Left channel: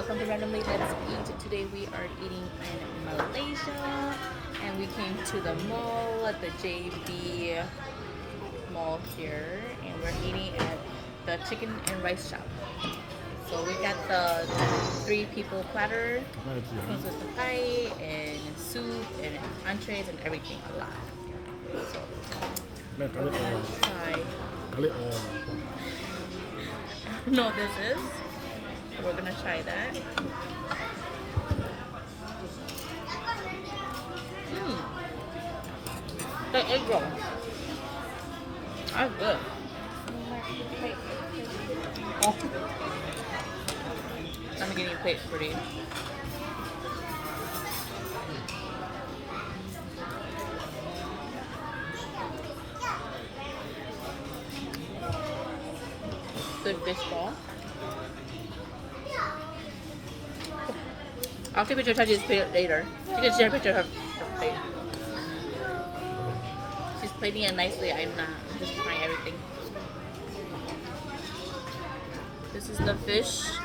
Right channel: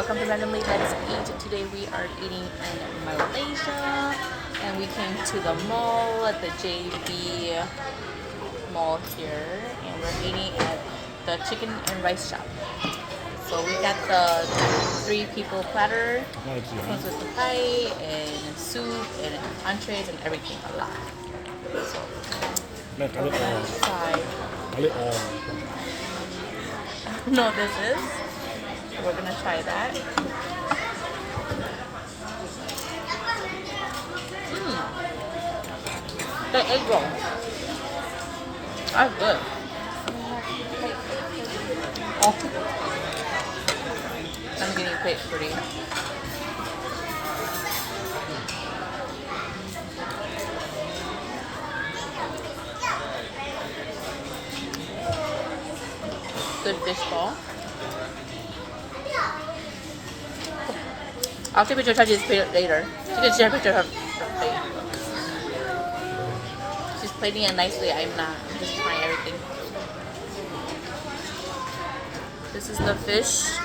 Welcome to Randomly Let's Eat. Today we are eating in Malaysia and we came to the mall at the JB Mall here and we're eating at the chicken and rice shop. So we got the 3 people platter, comes with the pie and soup and entrees and everything a lot. So we're gonna try. No, this is. We're gonna try that. The egg roll. That's good. Oh. I'm getting quick for you. Good fish ball. I'll take a picture of Tracy's plate later. She can share a picture of her plate. She's plating it nicely. I'm not. I'm just trying everything. This is the fish.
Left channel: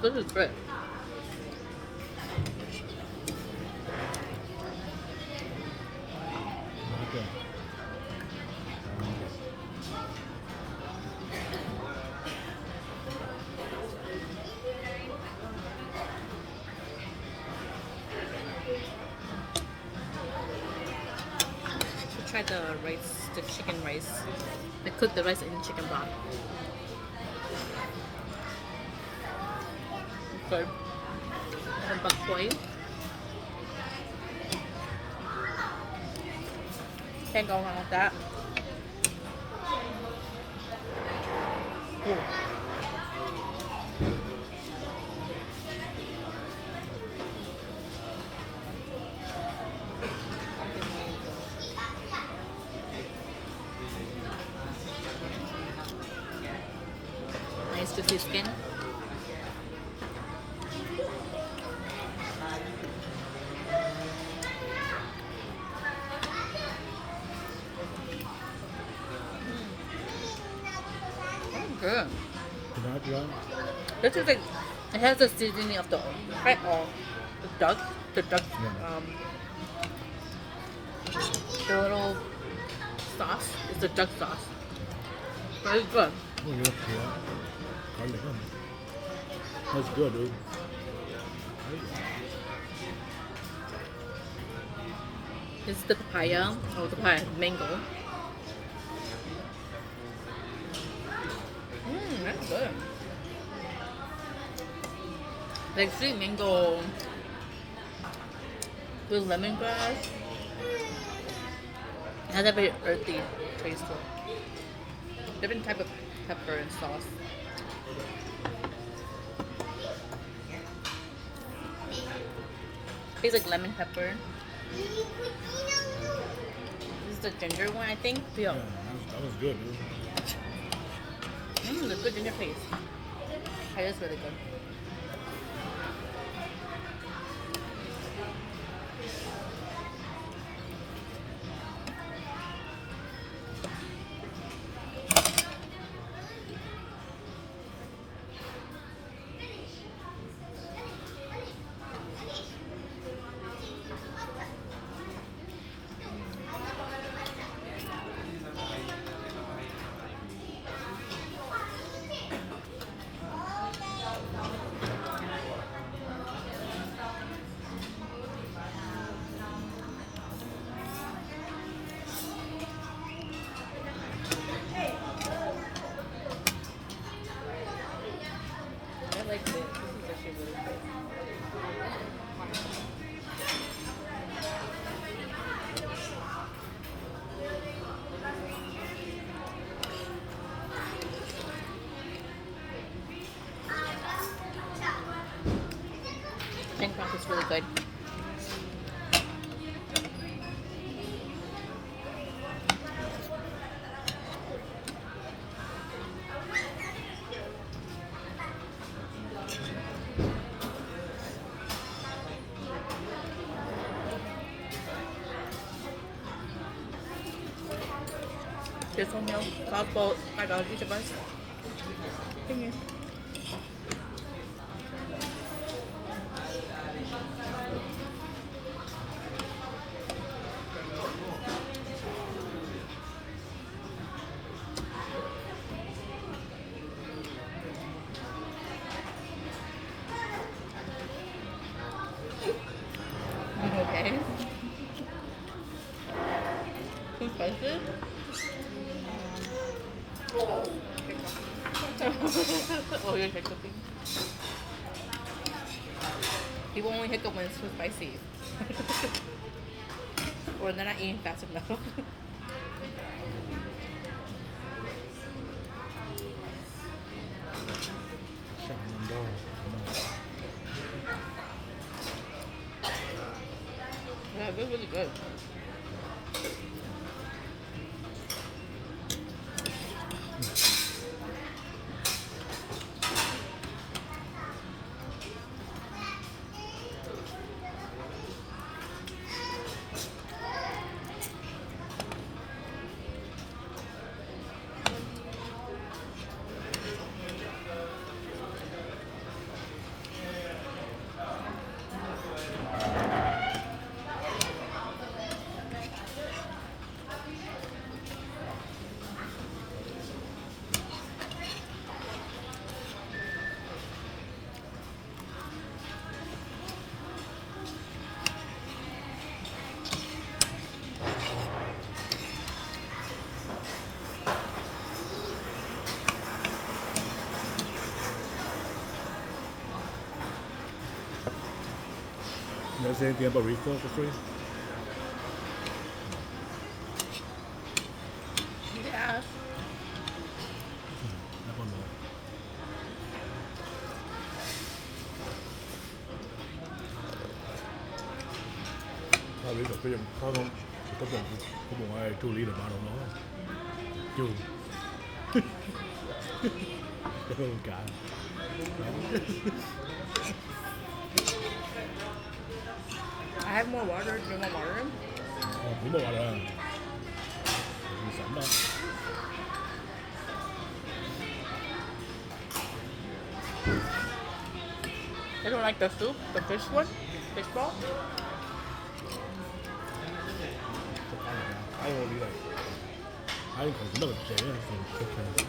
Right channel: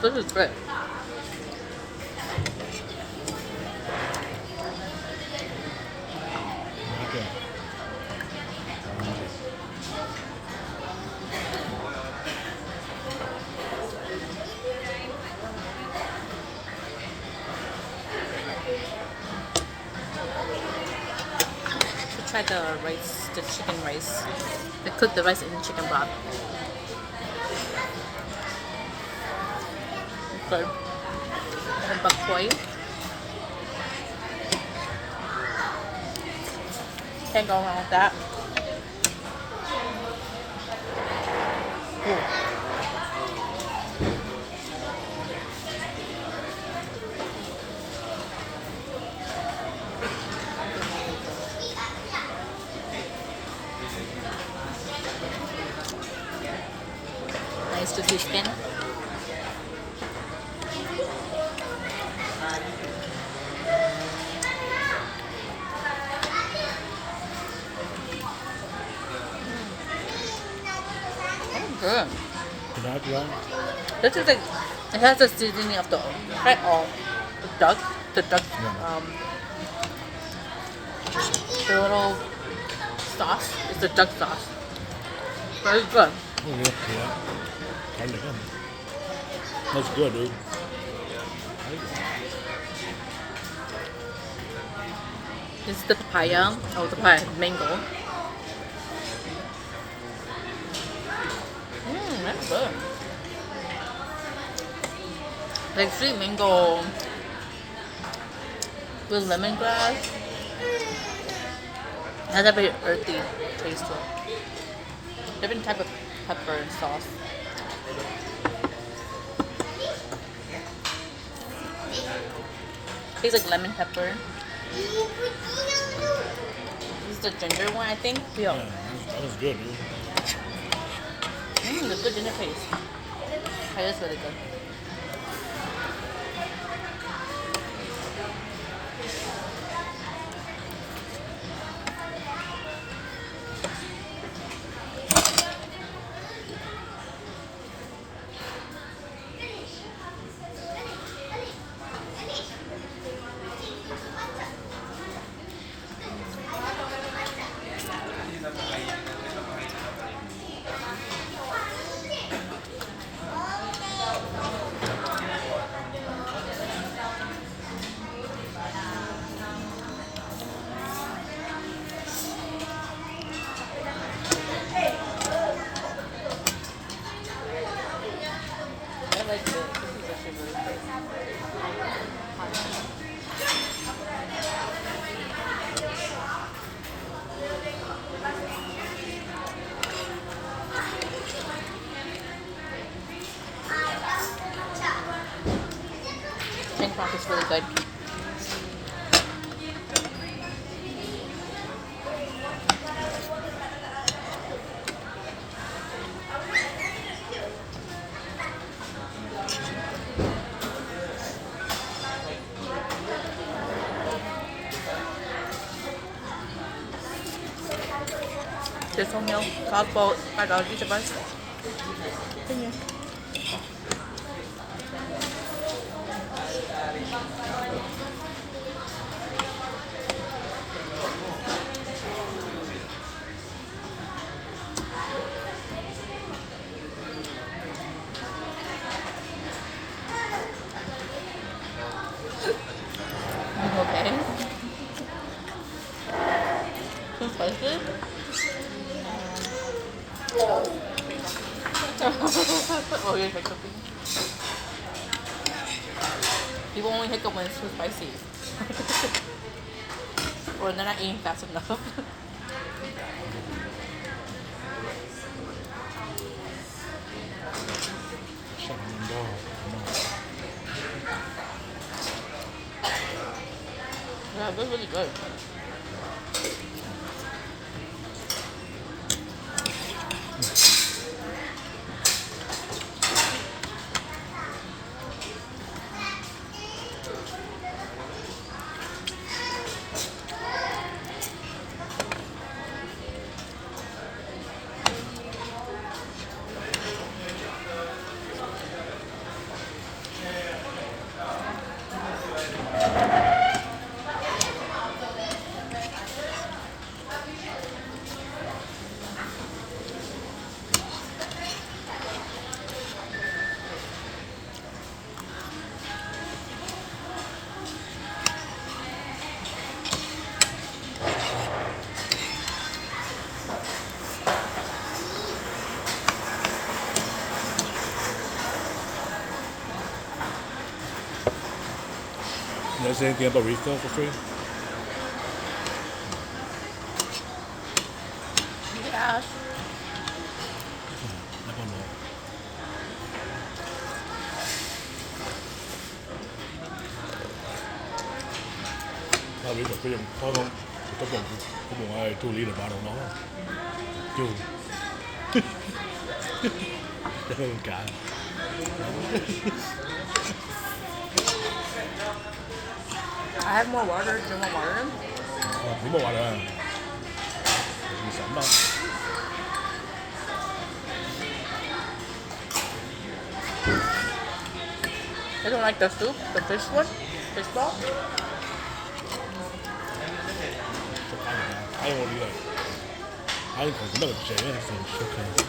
This is good. Try the rice, the chicken rice. They cook the rice in chicken broth. Good. And bok choy. Can't go wrong with that. Ooh. Nice juicy skin. Good. This is like, it has the seasoning of the right or the duck, the little sauce is the duck sauce. Very good. That's good, dude. This is the papaya, or the papaya, mango. That's good. Like sweet mango with lemongrass. It has a very earthy taste to it. Different type of pepper and sauce. Tastes like lemon pepper. This is the ginger one, I think. Yeah. That was good, dude. The good ginger paste. That is really good. I like it. This is actually really good. Bangkok is really good. 죄송해요. 다음번 말 나와주시면 안녕. Okay. Too spicy? Oh, you're hiccuping. People only hiccup when it's too spicy. Or they're not eating fast enough. 샤먼도. Yeah, they're really good. You guys say anything about refill for free? Yeah. I don't know. Tao biết được cái dòng có không? Cái bụng ai tu lý là ba đồng nó chu đó là cả I have more water. Do you want water? đúng rồi là mì sẵn đâu. I don't like the soup, the fish one, fish ball. I don't want to be like I didn't know the J anything okay.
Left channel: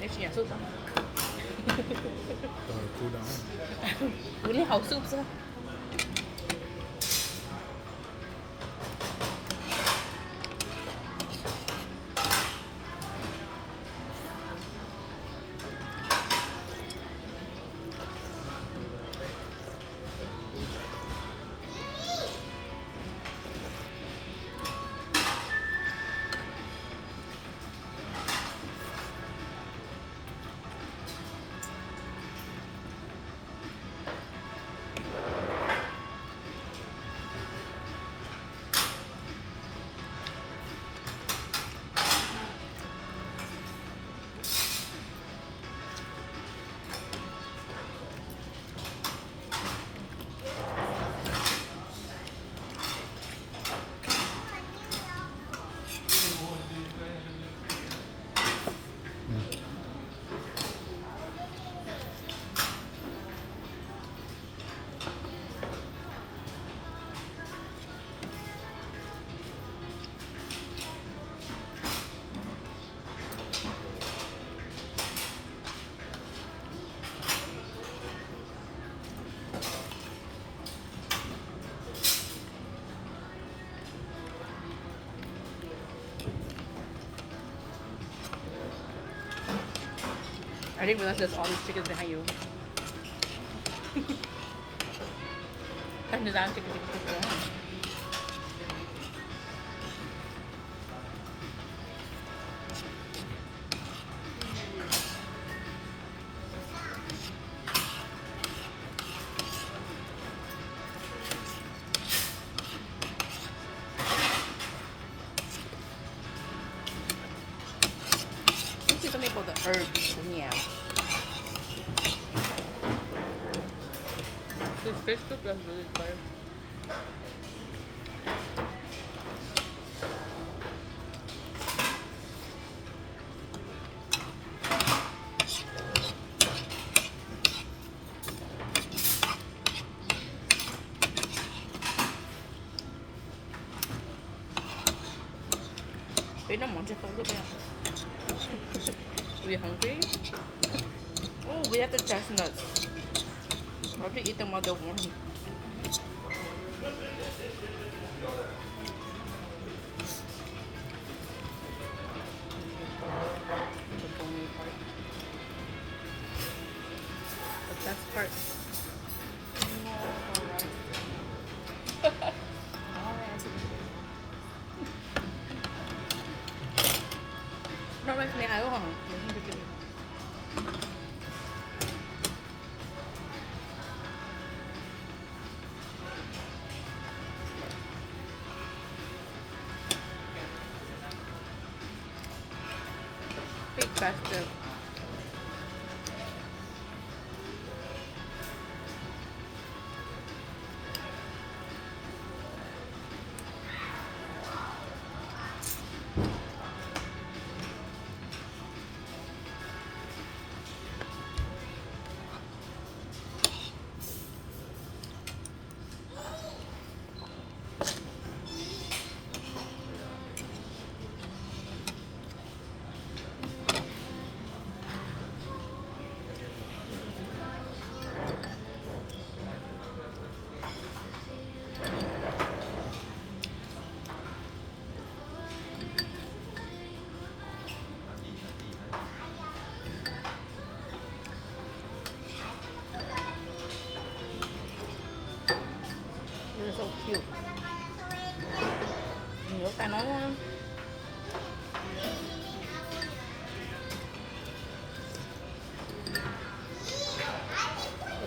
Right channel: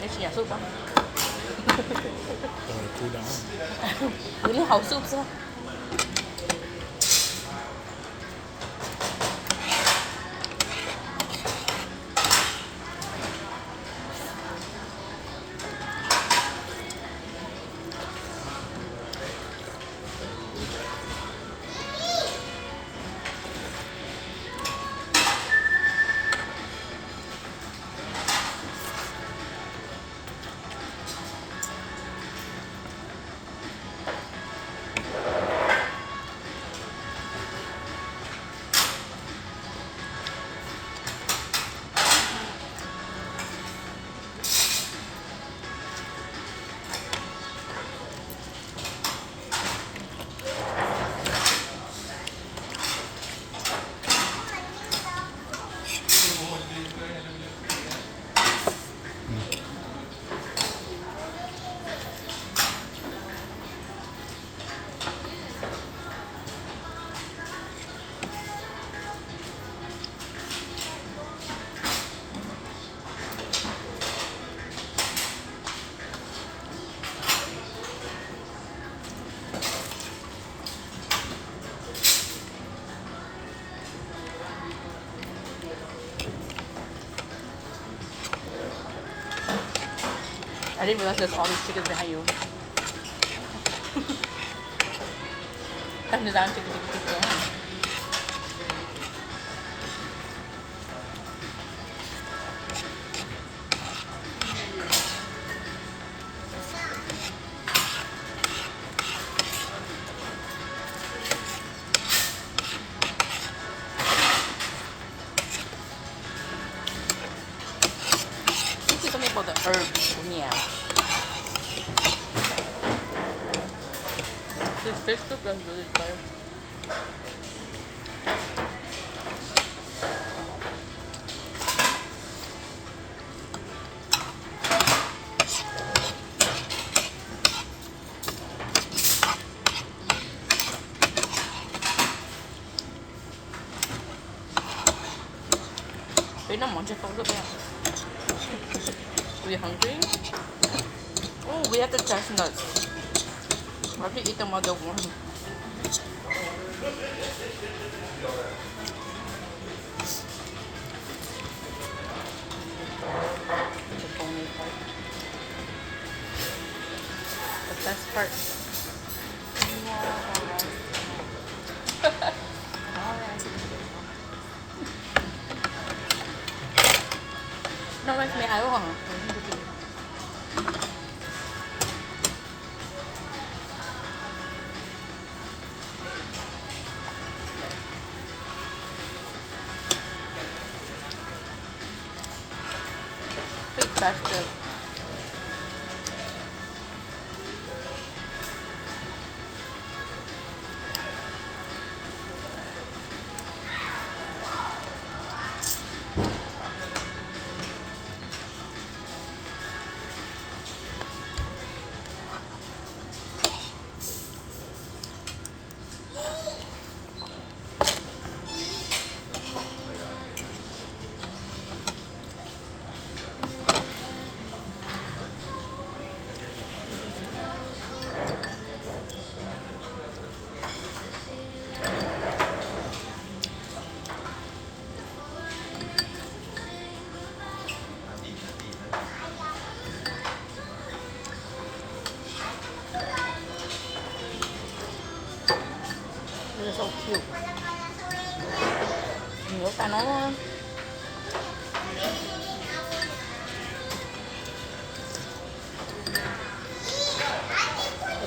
Cái gì à, soup á? Cool down. Uống đi hầu soup sao? I didn't realize there's all these chickens behind you. And the damn chicken. herbs. Yeah. This fish soup is really good. Wait, no, Mom, just look at We hungry? Oh, we have the chestnuts. I have to eat them while they're warm. The bony part. The best part. Nó rice mẹ ai quá hả? Big bastard. They're so cute. Nhớ cả nó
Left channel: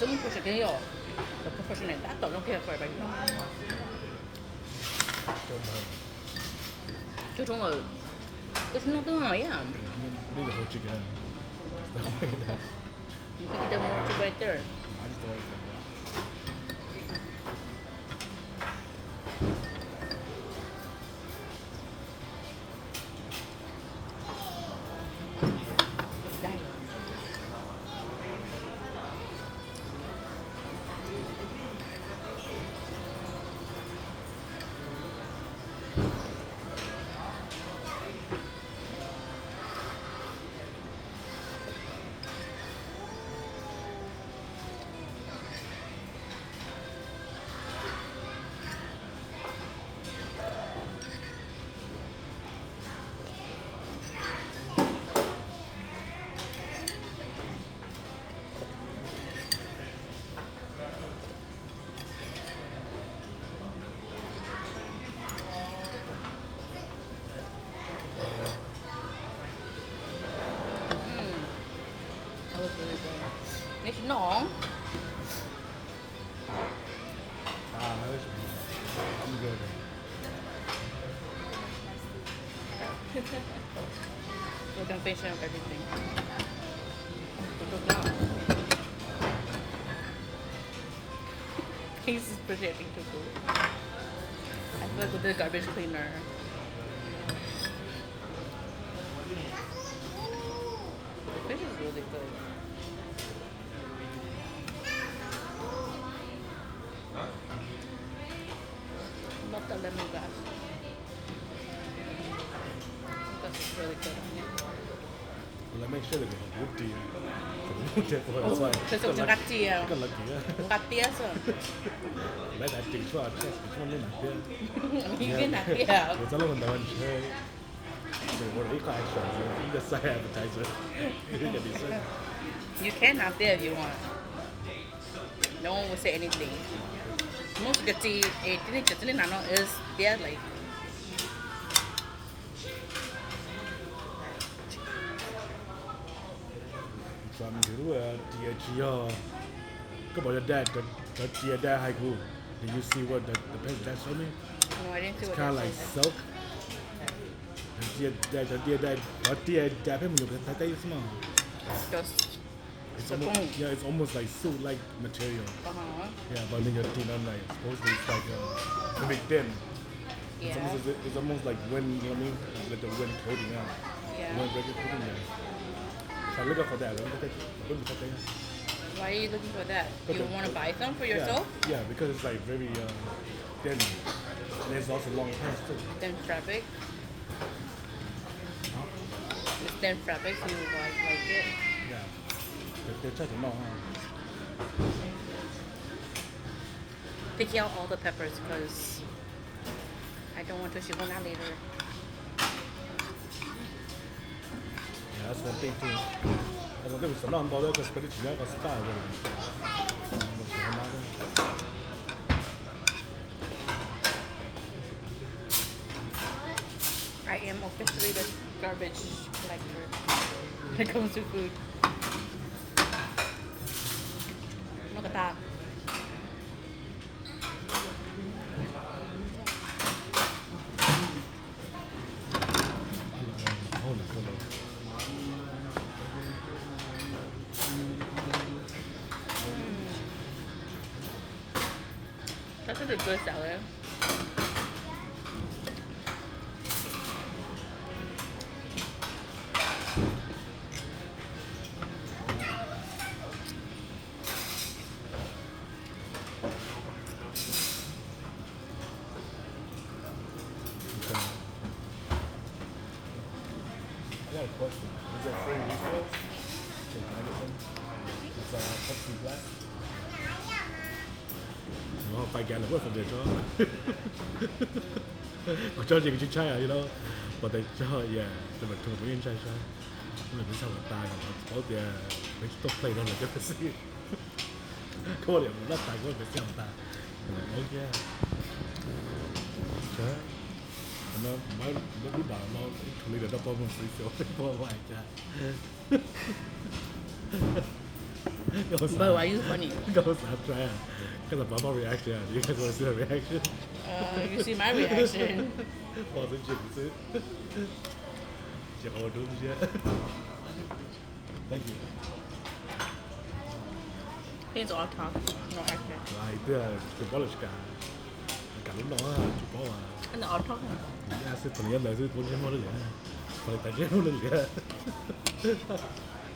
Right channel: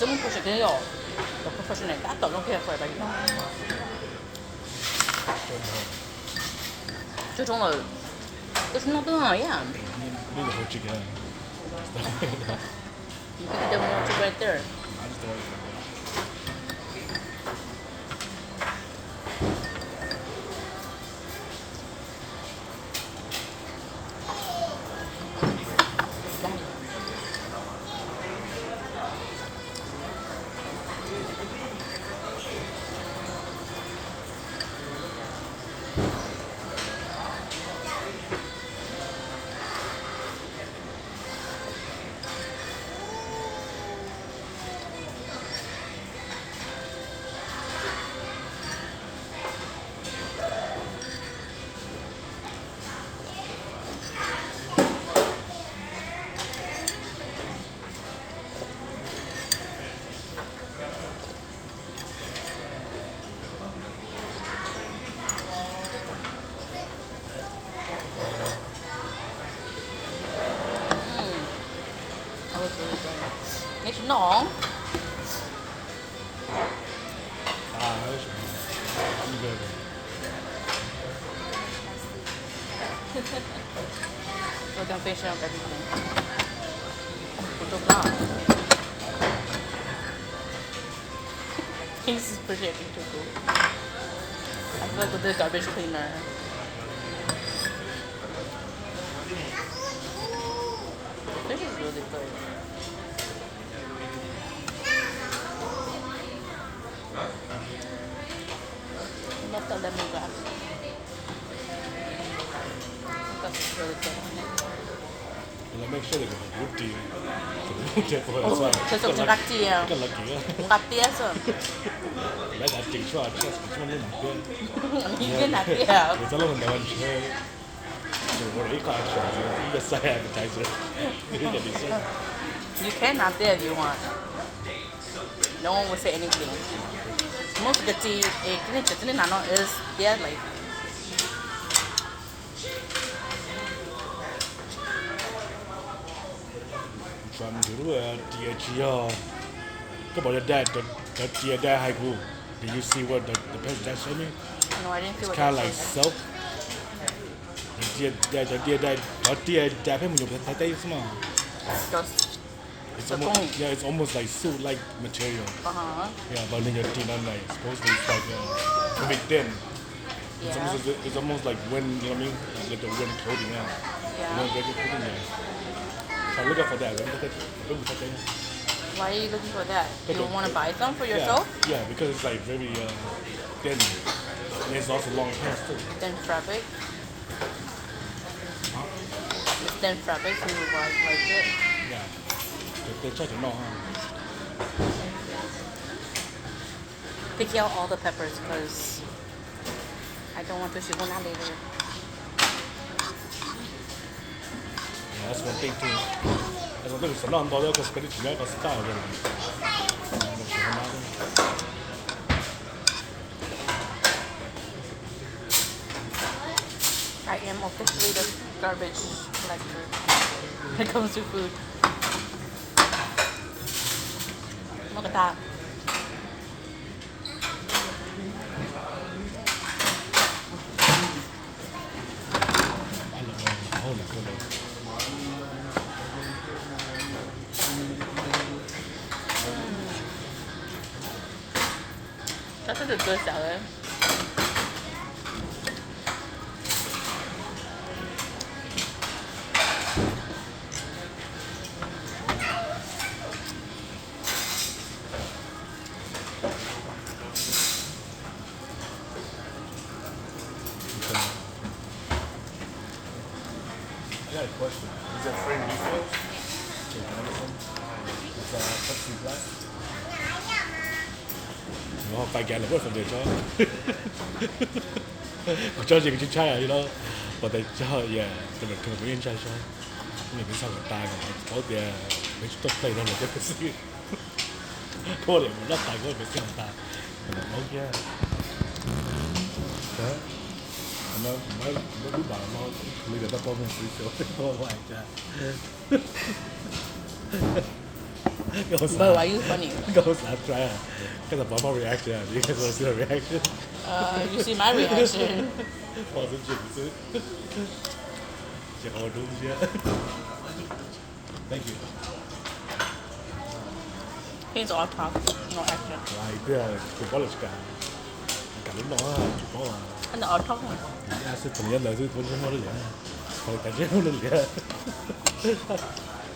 这么不是跟要都不是那大刀用可以喝吧？这种了，这是那东西呀。Need to hold chicken. You can get more to right there. I just throw it. It's long. I'm good. So can finish up everything. What's up now? He's projecting to go. I feel like with the garbage cleaner. The fish is really good. Love the lemongrass. That's really good. Let's make sure they get good deal. Thế xong chúng cắt chia. Cái lật kìa. Cắt tia sao? Lấy cả tiền cho chắc cái mình làm kia. 이게 낫게. Người ta làm mình chơi. Rồi một ít cái chuyện gì cái sai advertiser. You can not there if you want. No one will say anything. Most of the tea, is there like. From the DHG, couple of that, the DHG haiku. Did you see what the page that showed me? No, I didn't see It's what kind of that like said. silk. dia punya tai semua. Just It's the almost, tongue. yeah, it's almost like suit-like material. Yeah, but then your tinan like supposedly it's like a bit thin. It's Yeah. almost like wind, you know what I mean? It's like the wind coating out. You Yeah. know, get it put in there. So I look out for that. Look at that. Why are you looking for that? You Okay. want to buy some for Yeah, yourself? yeah, because it's like very thin. And it's also long pants too. Then fabric. It's then fabric to like it. Yeah. They try to know, huh? Pick out all the peppers because I don't want to shoot one out later. Yeah, that's one thing too. That's one thing. It's not all because it's not a style really. I am officially the garbage collector when it comes to food. Look at that. That's such a good salad. I got a question. Is it free refills? Can I get some? It's Pepsi Black. 我快揀啦，不過份地咗。我將自己出差啊，you know，我哋之後嘢同埋表演出差，咁你俾收入大嘅，嗰啲你都飛到嚟一個先，嗰個嚟甩大嗰個俾收入大，我嘅，唔好啲麻貓，你覺得多咩少少，多壞㗎。But why are you funny? Go stop trying. Because of my reaction. You guys want to see the reaction? You see my reaction. Was it Jimmy? She all doing shit. Thank you. He's all talk, no action. Right there, the polish guy. Cả lúc đó chụp có And the all talk one. à sự tự nhiên là sự tự nhiên nó được rồi cái chuyện nó được rồi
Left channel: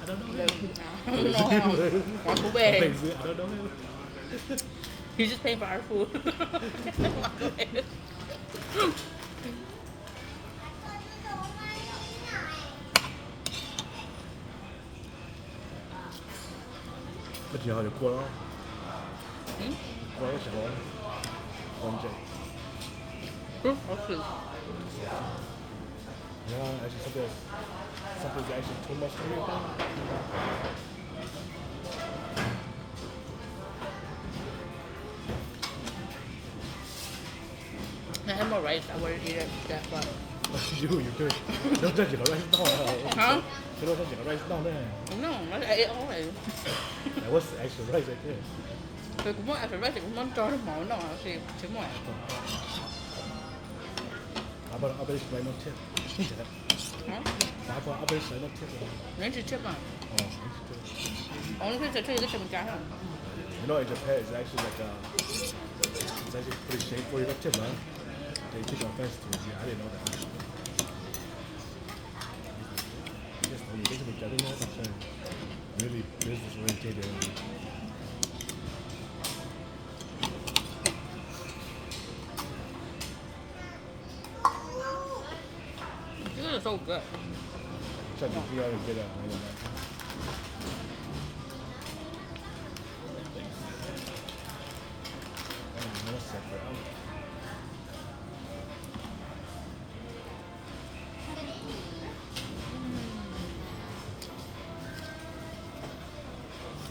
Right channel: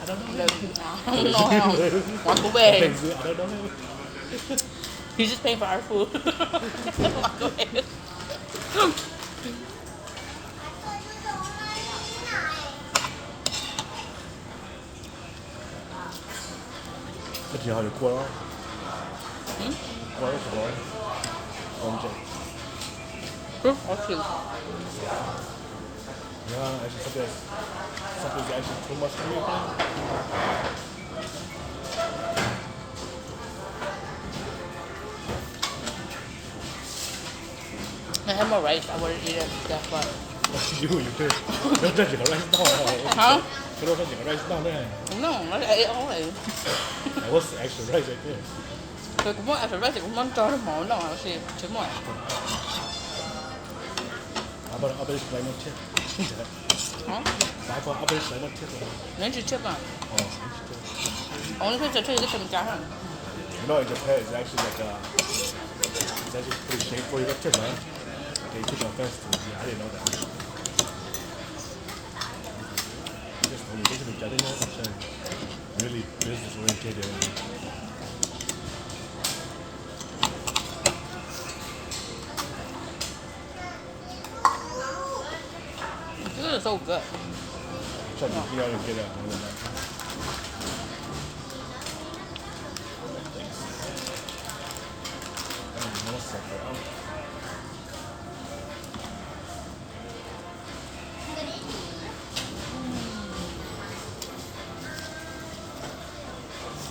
I don't know. Walk away. I don't know. He's just paying for our food. Walk away. Cái gì hỏi được qua đó qua đó sao rồi còn chạy Or two. yeah actually something's actually too much for me I think. I had more rice. I would eat it. That's what. You too. Nó rất chỉ có rice down rồi. Huh? Cái đó chỉ có rice down đấy. No, I ate all of it. That was extra rice right there. Tôi cũng muốn ăn rice, cũng muốn cho nó món nào là gì, chứ mà. I bet it's like no tip. Hả? I bet it's like no tip. Nếu chỉ chip à? Oh, it's good. Ông nói cho cái phần cá hả? You know, in Japan, it's actually like it's actually pretty shameful. You got tip, man. They took offense to it. Yeah, I didn't know that. Just told me, I didn't know that. Really business oriented. This is so good. So you know, you get that.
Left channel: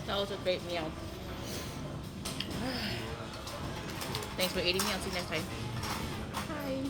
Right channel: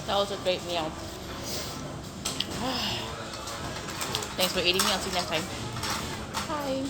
That was a great meal. Thanks for eating me. I'll see you next time. Bye.